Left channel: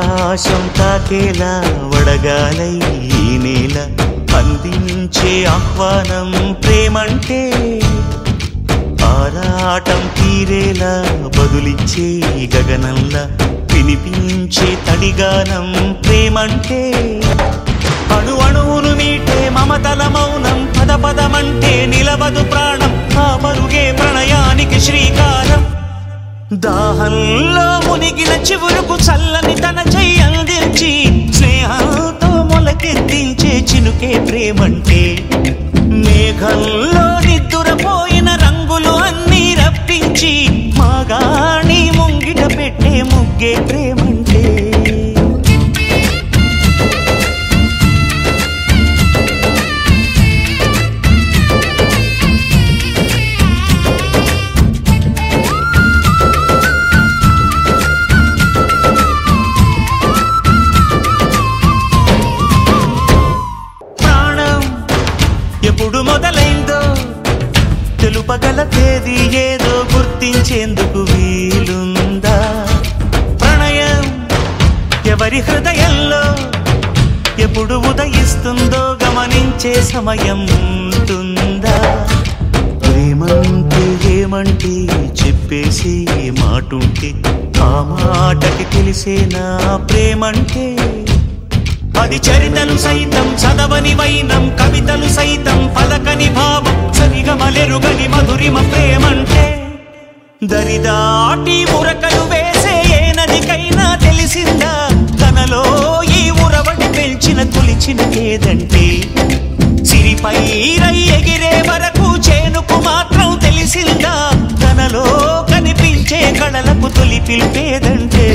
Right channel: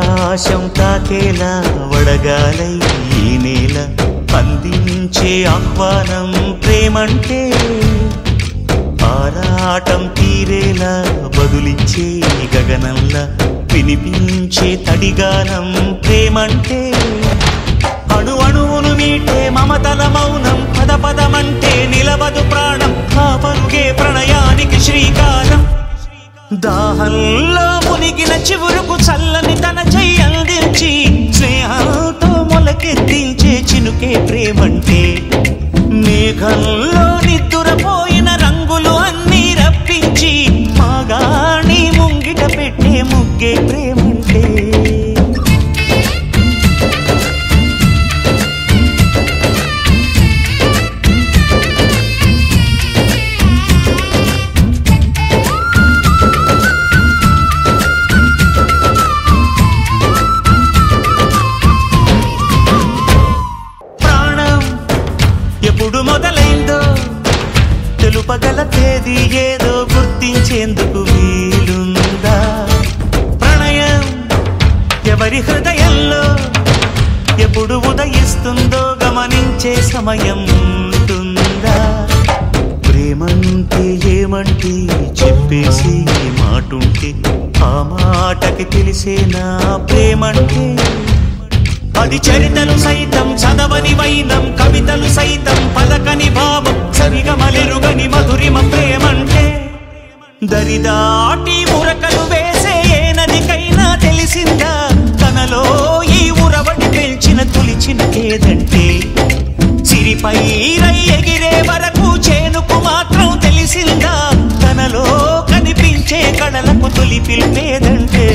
ఆకాశం తాకేలా వడగాలై ఈ నేల అందించే ఆహ్వానం ప్రేమంటే ఆరాటం తీరేలా బదులిచ్చే గగనంలా వినిపించే తడిగానం ప్రేమంటే అణు అణువును మీటే మమతల మౌనం పద పదమంటే నిలవదు ప్రాణం ఆ పరుగే ప్రణయానికి శ్రీకారం దాహంలో మునిగిన చివురుకు చల్లని తన చెయ్యి అందించి స్నేహంతో మొలకెత్తించే చినుకే ప్రేమంటే మేఘంలో నిద్దురపోయిన రంగులు అన్నీ రప్పించి మాగాణి ముంగిట పెట్టే ముగ్గే ప్రేమంటే ఎప్పుడు మొదలైందో తెలుపగల తేదీ ఏదో గుర్తించేందుకు వీలుందా ప్రణయం ఎవరి హృదయంలో ఎప్పుడు ఉదయిస్తుందో గమనించే సమయం ఉంటుందా ప్రేమంటే ఏమంటే చెప్పేసి మాటుంటే ఆ మాటకి తెలిసేనా ప్రేమంటే అది చరితలు సైతం చదవని వైనం కవితలు సైతం పలకని భావం సరిగమలెరుగని మధురిమ ప్రేమంటే దరిదాటి ఉరకలు వేసే ఏ నదికైనా తెలిసిందా తనలో ఈ ఉరవడి పెంచిన తొలిచిన కేదంటే సిరిపై రై ఎగిరే వరకు చేనుకు మాత్రం తెలిసిందా తనలో కనిపించే కళలకు తొలి పిలిపేదంటే